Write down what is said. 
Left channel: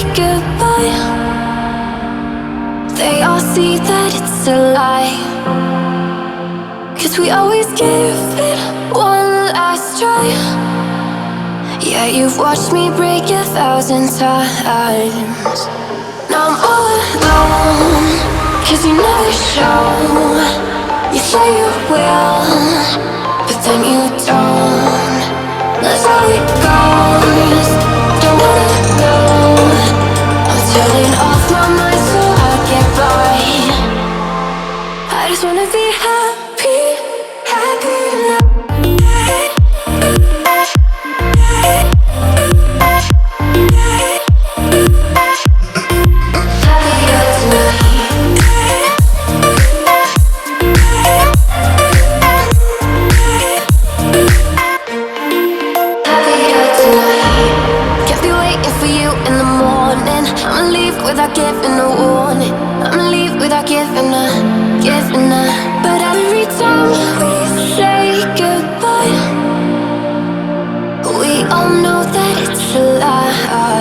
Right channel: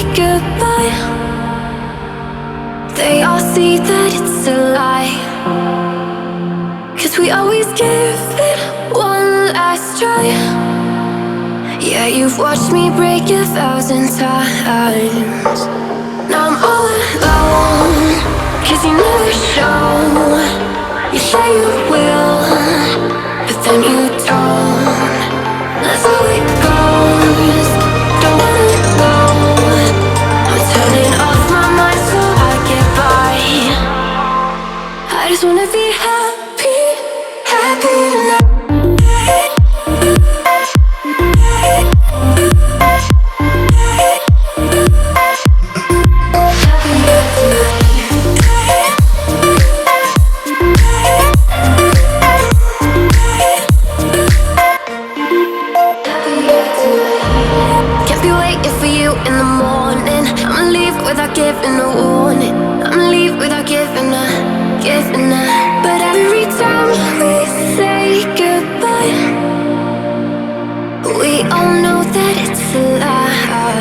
say goodbye, they all see that it's a lie. 'Cause we always give it one last try. Yeah, you've watched me break 1,000 times. Now I'm all alone, 'cause you never show. You say you will, but then you don't. That's how it goes. Don't wanna know. I'm turning off my mind so I get by. I just wanna be happy, happy tonight. Happier tonight. Happier tonight. Can't be waiting for you in the morning. I'ma leave without giving a warning. I'ma leave without giving a. But every time we say goodbye, we all know that it's a lie.